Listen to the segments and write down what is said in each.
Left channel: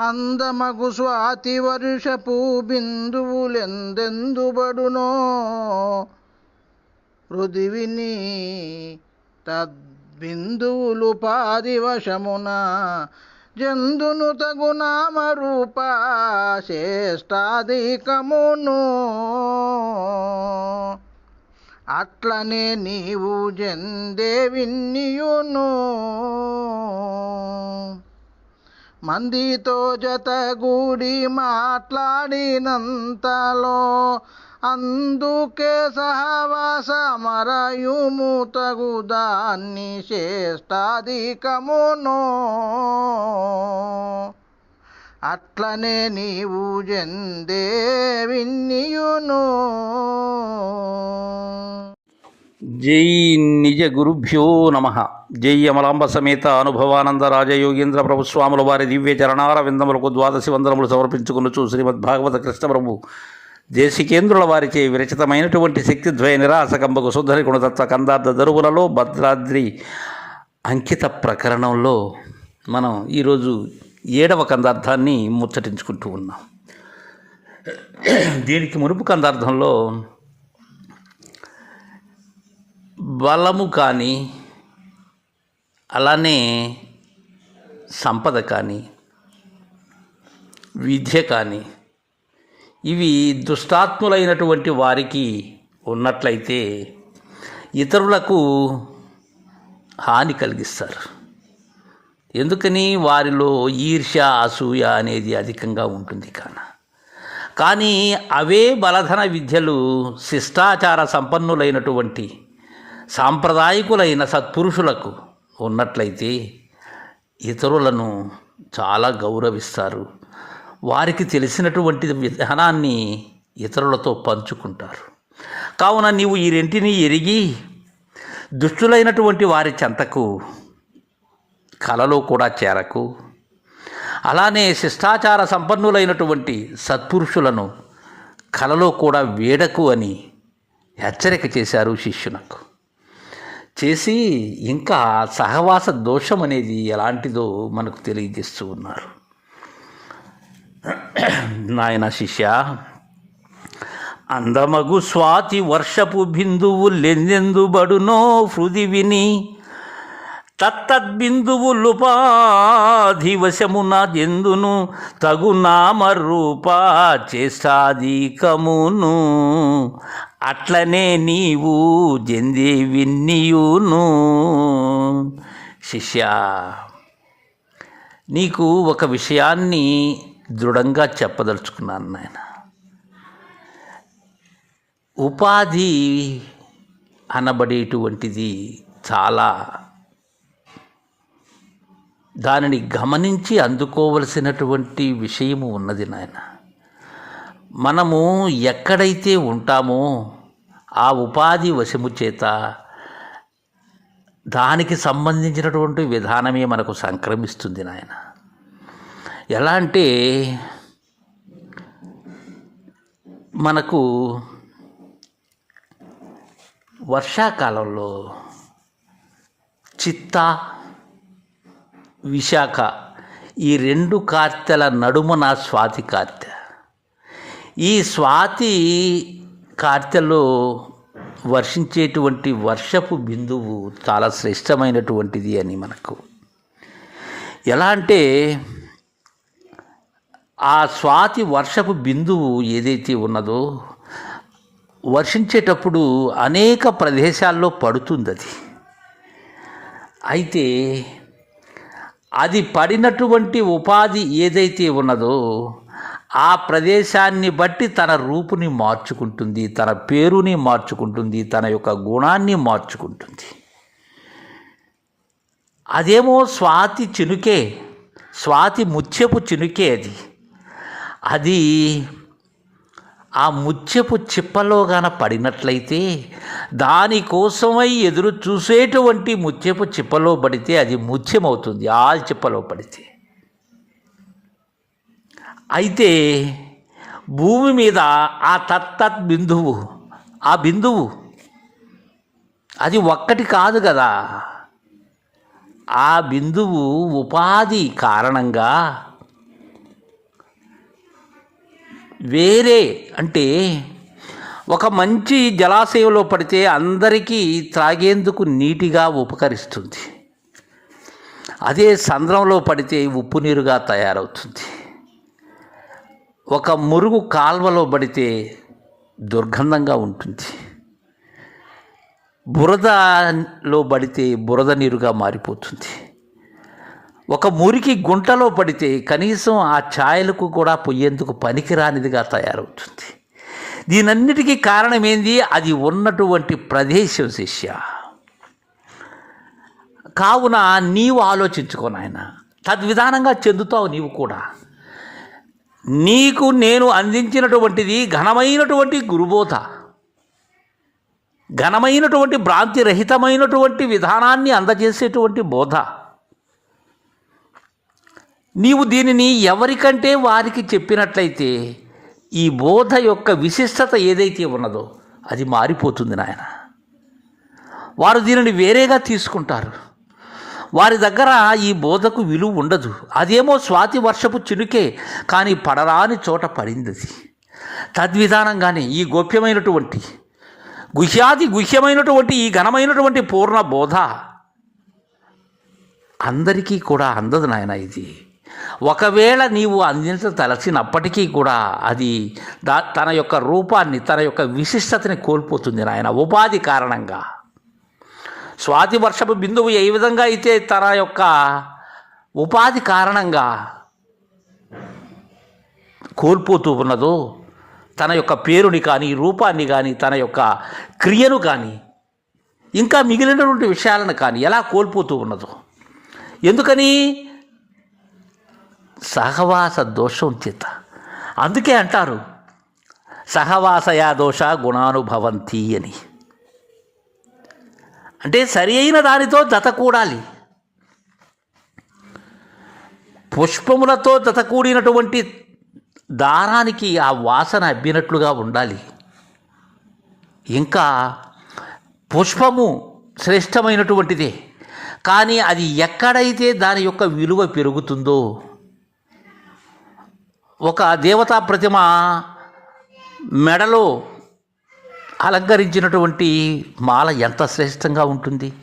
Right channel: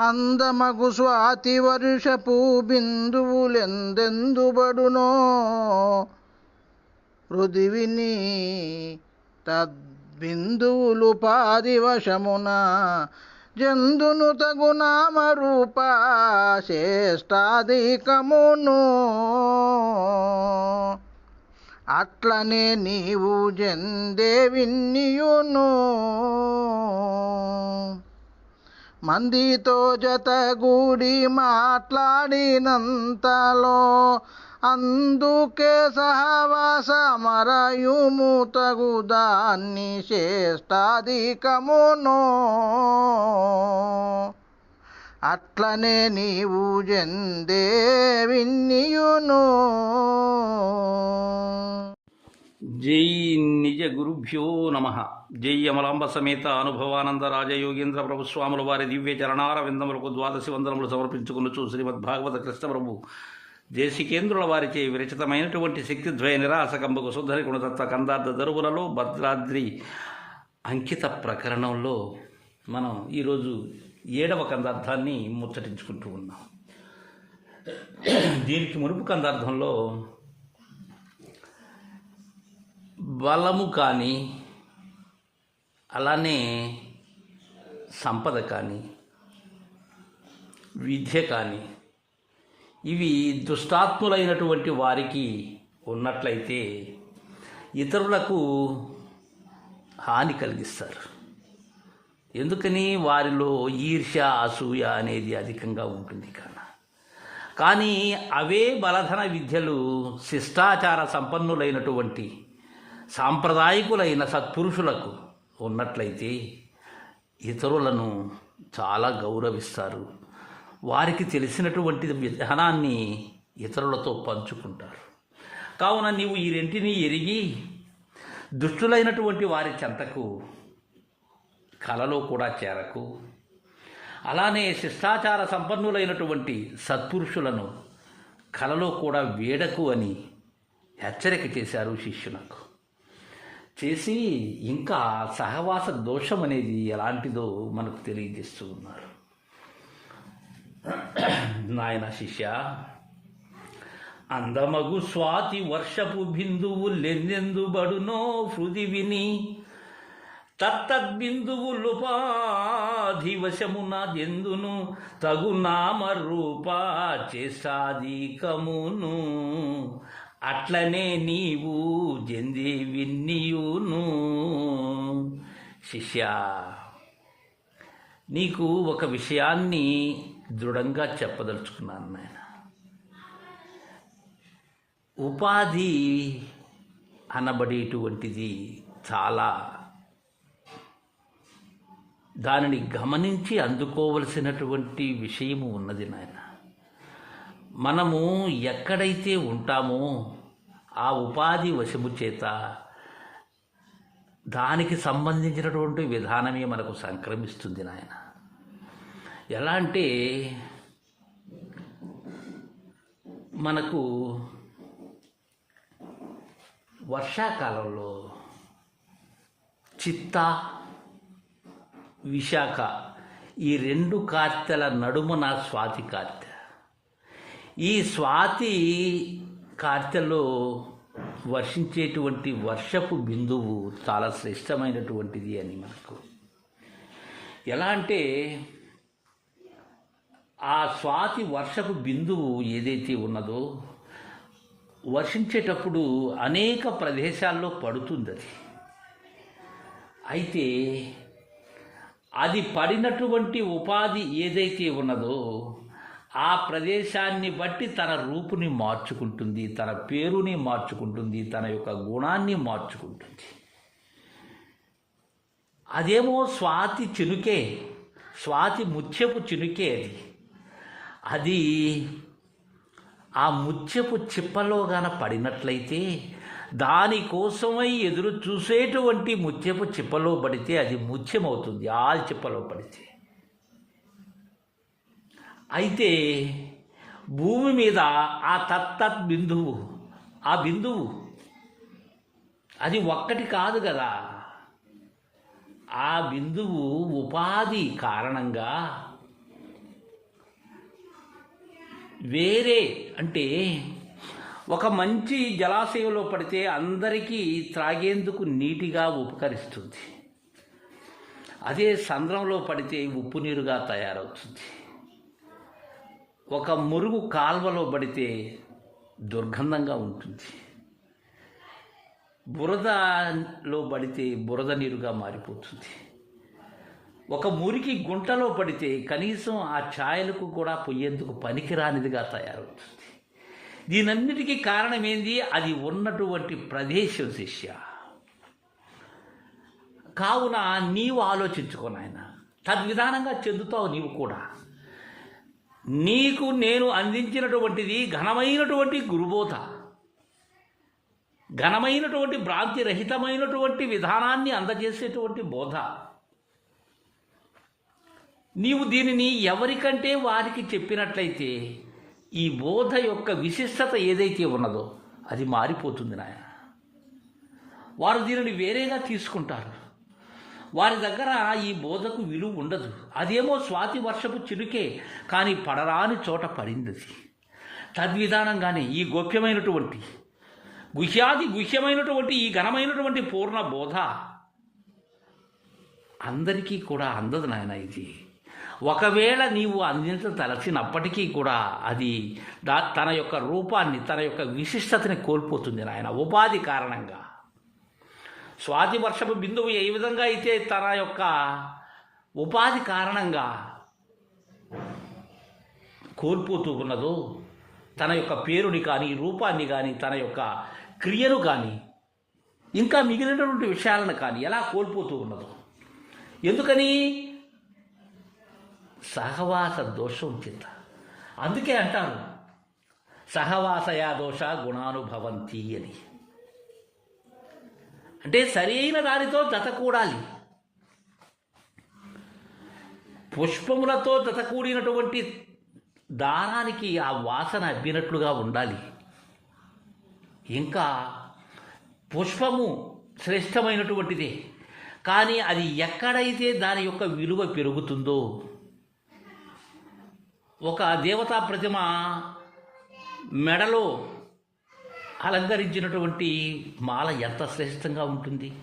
అందమగు స్వాతి వర్షపు బిందువులెందెందుబడునో పృథివిని తద్బిందువులు పాదివశమున జందును తగు నామరూప శ్రేష్టాధికమును. అట్లనే నీవు జందే విన్నియును. మందితో జతగూడి మాట్లాడినంతలో అందుకే సహవాస మరయుము తగు దాన్ని శ్రేష్టాధికమును. అట్లనే నీవు జందే విన్నియును. జై నిజ గురుభ్యో నమ. జై అమలాంబ సమేత అనుభవానంద రాజయోగేంద్ర ప్రభు స్వాముల వారి దివ్య చరణార విందములకు ద్వాదశి వందనములు సమర్పించుకునుచు శ్రీమద్ భాగవత కృష్ణప్రభు దేశికేంద్రుల వారిచే విరచితమైనటువంటి శక్తిద్వయ నిరాసకంబకు శుద్ధరి గుణతత్వ కందార్థ దరువులలో భద్రాద్రి అంకిత ప్రకరణంలో మనం ఈరోజు ఏడవ కందార్థాన్ని ముచ్చటించుకుంటూ ఉన్నాం. దీనికి మునుపు కందార్థంలో బలము కానీ అలానే సంపద కానీ విద్య కానీ ఇవి దుష్టాత్ములైనటువంటి వారికి ఉన్నట్లయితే ఇతరులకు హాని కలిగిస్తారు. ఎందుకని? వారిలో ఈర్ష్య అసూయ అనేది అధికంగా ఉంటుంది కాన. కానీ అవే బలధన విద్యలు శిష్టాచార సంపన్నులైనటువంటి సాంప్రదాయకులైన సత్పురుషులకు ఉన్నట్లయితే ఇతరులను చాలా గౌరవిస్తారు. వారికి తెలిసినటువంటి విధానాన్ని ఇతరులతో పంచుకుంటారు. కావున నీవు ఈ రెంటిని ఎరిగి దుష్టులైనటువంటి వారి చెంతకు కలలో కూడా చేరకు. అలానే శిష్టాచార సంపన్నులైనటువంటి సత్పురుషులను కలలో కూడా వేడకు అని హెచ్చరిక చేశారు శిష్యునకు. చేసి ఇంకా సహవాస దోషం అనేది ఎలాంటిదో మనకు తెలియజేస్తూ ఉన్నారు. నాయన శిష్య అందమగు స్వాతి వర్షపు బిందువు లెందెందుబడునో హృది విని తత్తద్బిందువులుపాధివశమున ఎందును తగు నామరూప చేష్టాధికమును అట్లనే నీవు జంది విన్నియును. శిష్య నీకు ఒక విషయాన్ని దృఢంగా చెప్పదలుచుకున్నాను నాయన. ఉపాధి అనబడేటువంటిది చాలా దానిని గమనించి అందుకోవలసినటువంటి విషయము ఉన్నది నాయన. మనము ఎక్కడైతే ఉంటామో ఆ ఉపాధి వశము చేత దానికి సంబంధించినటువంటి విధానమే మనకు సంక్రమిస్తుంది నాయన. ఎలా అంటే మనకు వర్షాకాలంలో చిత్త విశాఖ ఈ రెండు కార్తెల నా స్వాతి కార్తె. ఈ స్వాతి కార్తెలో వర్షించేటువంటి వర్షపు బిందువు చాలా శ్రేష్టమైనటువంటిది అని మనకు. ఎలా అంటే ఆ స్వాతి వర్షపు బిందువు ఏదైతే ఉన్నదో వర్షించేటప్పుడు అనేక ప్రదేశాల్లో పడుతుంది అది అయితే అది పడినటువంటి ఉపాధి ఏదైతే ఉన్నదో ఆ ప్రదేశాన్ని బట్టి తన రూపుని మార్చుకుంటుంది తన పేరుని మార్చుకుంటుంది తన యొక్క గుణాన్ని మార్చుకుంటుంది. అదేమో స్వాతి చినుకే స్వాతి ముత్యపు చినుకే అది. అది ఆ ముత్యపు చిప్పలో గాన పడినట్లయితే దానికోసమై ఎదురు చూసేటువంటి ముత్యపు చిప్పలో పడితే అది ముత్యమవుతుంది ఆ చిప్పలో పడితే. అయితే భూమి మీద ఆ తత్తత్ బిందువు ఆ బిందువు అది ఒక్కటి కాదు కదా. ఆ బిందువు ఉపాధి కారణంగా వేరే అంటే ఒక మంచి జలాశయంలో పడితే అందరికీ త్రాగేందుకు నీటిగా ఉపకరిస్తుంది. అదే సంద్రంలో పడితే ఉప్పు నీరుగా తయారవుతుంది. ఒక మురుగు కాల్వలో పడితే దుర్గంధంగా ఉంటుంది. బురదలో పడితే బురద నీరుగా మారిపోతుంది. ఒక మురికి గుంటలో పడితే కనీసం ఆ ఛాయలకు కూడా పొయ్యేందుకు పనికిరానిదిగా తయారవుతుంది. దీనన్నిటికీ కారణం ఏంది అది ఉన్నటువంటి ప్రదేశం శిష్య. కావున నీవు ఆలోచించుకో నాయన. తద్విధానంగా చెందుతావు నీవు కూడా. నీకు నేను అందించినటువంటిది ఘనమైనటువంటి గురుబోధ. ఘనమైనటువంటి భ్రాంతి రహితమైనటువంటి విధానాన్ని అందజేసేటువంటి బోధ. నీవు దీనిని ఎవరికంటే వారికి చెప్పినట్లయితే ఈ బోధ యొక్క విశిష్టత ఏదైతే ఉన్నదో అది మారిపోతుంది నాయన. వారు దీనిని వేరేగా తీసుకుంటారు. వారి దగ్గర ఈ బోధకు విలువ ఉండదు. అదేమో స్వాతి వర్షపు చినుకే కానీ పడరాని చోట పడింది అది తద్విధానంగానే ఈ గోప్యమైనటువంటి గుహ్యాది గుహ్యమైనటువంటి ఈ ఘనమైనటువంటి పూర్ణ బోధ అందరికీ కూడా అందదు నాయన ఇది. ఒకవేళ నీవు అందించదలచినప్పటికీ కూడా అది దా తన యొక్క రూపాన్ని తన యొక్క విశిష్టతని కోల్పోతుంది నాయన ఉపాధి కారణంగా. స్వాతి వర్షపు బిందువు ఏ విధంగా అయితే తన యొక్క ఉపాధి కారణంగా కోల్పోతూ ఉన్నదో తన యొక్క పేరుని కానీ రూపాన్ని కానీ తన యొక్క క్రియను కానీ ఇంకా మిగిలినటువంటి విషయాలను కానీ ఎలా కోల్పోతూ ఉన్నదో. ఎందుకని? సహవాస దోషం చేత. అందుకే అంటారు సహవాసయా దోష గుణానుభవంతి అని. అంటే సరి అయిన దానితో జత కూడాలి. పుష్పములతో జత కూడినటువంటి దారానికి ఆ వాసన అబ్బినట్లుగా ఉండాలి. ఇంకా పుష్పము శ్రేష్టమైనటువంటిదే. కానీ అది ఎక్కడైతే దాని యొక్క విలువ పెరుగుతుందో ఒక దేవతా ప్రతిమ మెడలో అలంకరించినటువంటి మాల ఎంత శ్రేష్టంగా ఉంటుంది.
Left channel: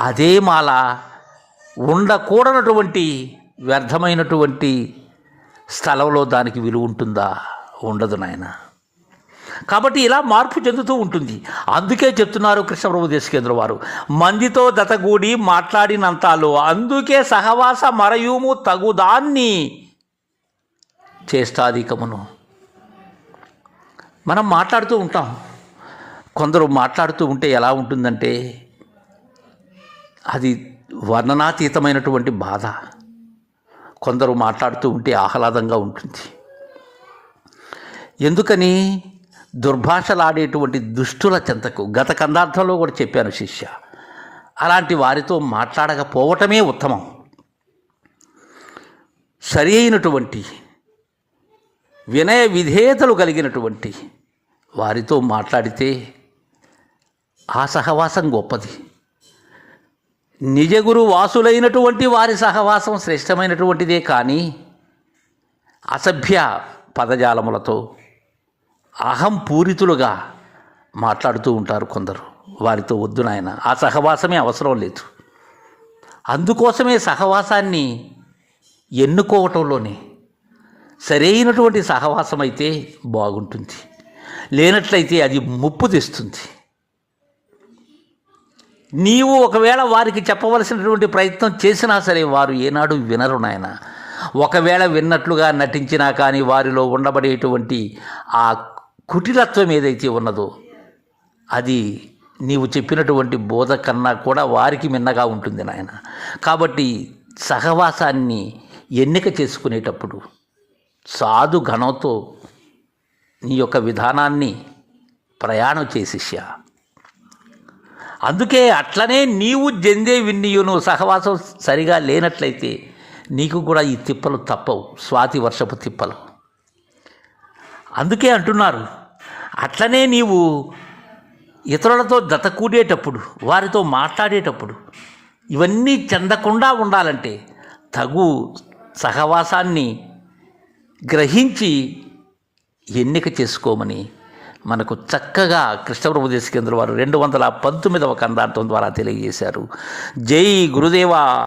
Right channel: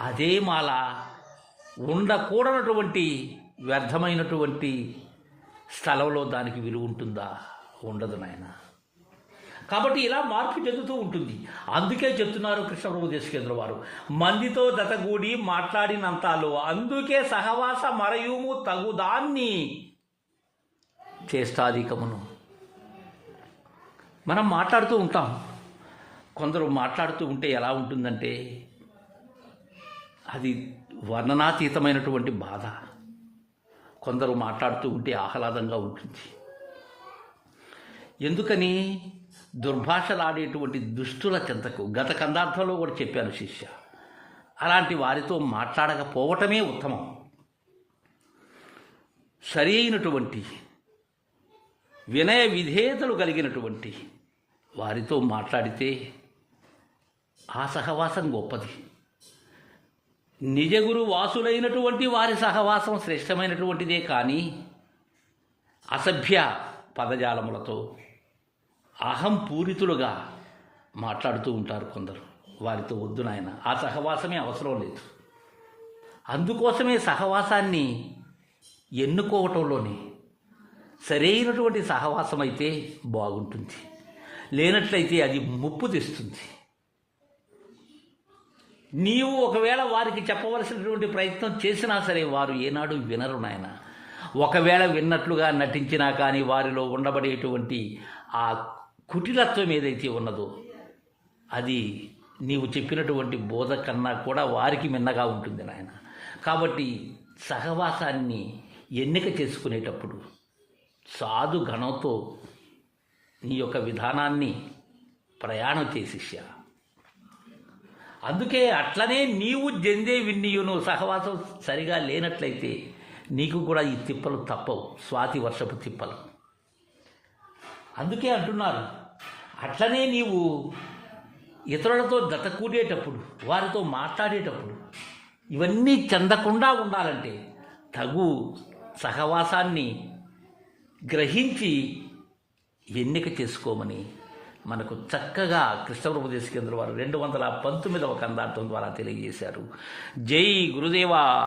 అదే మాల ఉండకూడనటువంటి వ్యర్థమైనటువంటి స్థలంలో దానికి విలువ ఉంటుందా? ఉండదు నాయన. కాబట్టి ఇలా మార్పు చెందుతూ ఉంటుంది. అందుకే చెప్తున్నారు కృష్ణప్రభు దేశకేంద్ర వారు. మందితో దతగూడి మాట్లాడినంతలో అందుకే సహవాస మరయుము తగుదాన్ని చేష్టాధికమును. మనం మాట్లాడుతూ ఉంటాం. కొందరు మాట్లాడుతూ ఉంటే ఎలా ఉంటుందంటే అది వర్ణనాతీతమైనటువంటి బాధ. కొందరు మాట్లాడుతూ ఉంటే ఆహ్లాదంగా ఉంటుంది. ఎందుకని? దుర్భాషలాడేటువంటి దుష్టుల చెంతకు. గత కందార్థంలో కూడా చెప్పాను శిష్య. అలాంటి వారితో మాట్లాడకపోవటమే ఉత్తమం. సరి అయినటువంటి వినయ విధేయతలు కలిగినటువంటి వారితో మాట్లాడితే ఆ సహవాసం గొప్పది. నిజగురు వాసులైనటువంటి వారి సహవాసం శ్రేష్టమైనటువంటిదే కానీ అసభ్య పదజాలములతో అహం పూరితులుగా మాట్లాడుతూ ఉంటారు కొందరు. వారితో వద్దు నాయన ఆ సహవాసమే అవసరం లేదు. అందుకోసమే సహవాసాన్ని ఎన్నుకోవటంలోనే సరైనటువంటి సహవాసం అయితే బాగుంటుంది. లేనట్లయితే అది ముప్పు తెస్తుంది. నీవు ఒకవేళ వారికి చెప్పవలసినటువంటి ప్రయత్నం చేసినా సరే వారు ఏనాడు వినరు నాయన. ఒకవేళ విన్నట్లుగా నటించినా కానీ వారిలో ఉండబడేటువంటి ఆ కుటిలత్వం ఏదైతే ఉన్నదో అది నీవు చెప్పినటువంటి బోధ కన్నా కూడా వారికి మిన్నగా ఉంటుంది నాయన. కాబట్టి సహవాసాన్ని ఎన్నిక చేసుకునేటప్పుడు సాధు ఘనంతో నీ యొక్క విధానాన్ని ప్రయాణం చేసిష్యా. అందుకే అట్లనే నీవు జందే విన్నీయును సహవాసం సరిగా లేనట్లయితే నీకు కూడా ఈ తిప్పలు తప్పవు స్వాతి వర్షపు తిప్పలు. అందుకే అంటున్నారు అట్లనే నీవు ఇతరులతో జతకూడేటప్పుడు వారితో మాట్లాడేటప్పుడు ఇవన్నీ చెందకుండా ఉండాలంటే తగు సహవాసాన్ని గ్రహించి ఎన్నిక చేసుకోమని మనకు చక్కగా కృష్ణప్రభు దేశకేంద్ర వారు రెండు వందల పంతొమ్మిదవ కందార్థం ద్వారా తెలియజేశారు. జై గురుదేవా!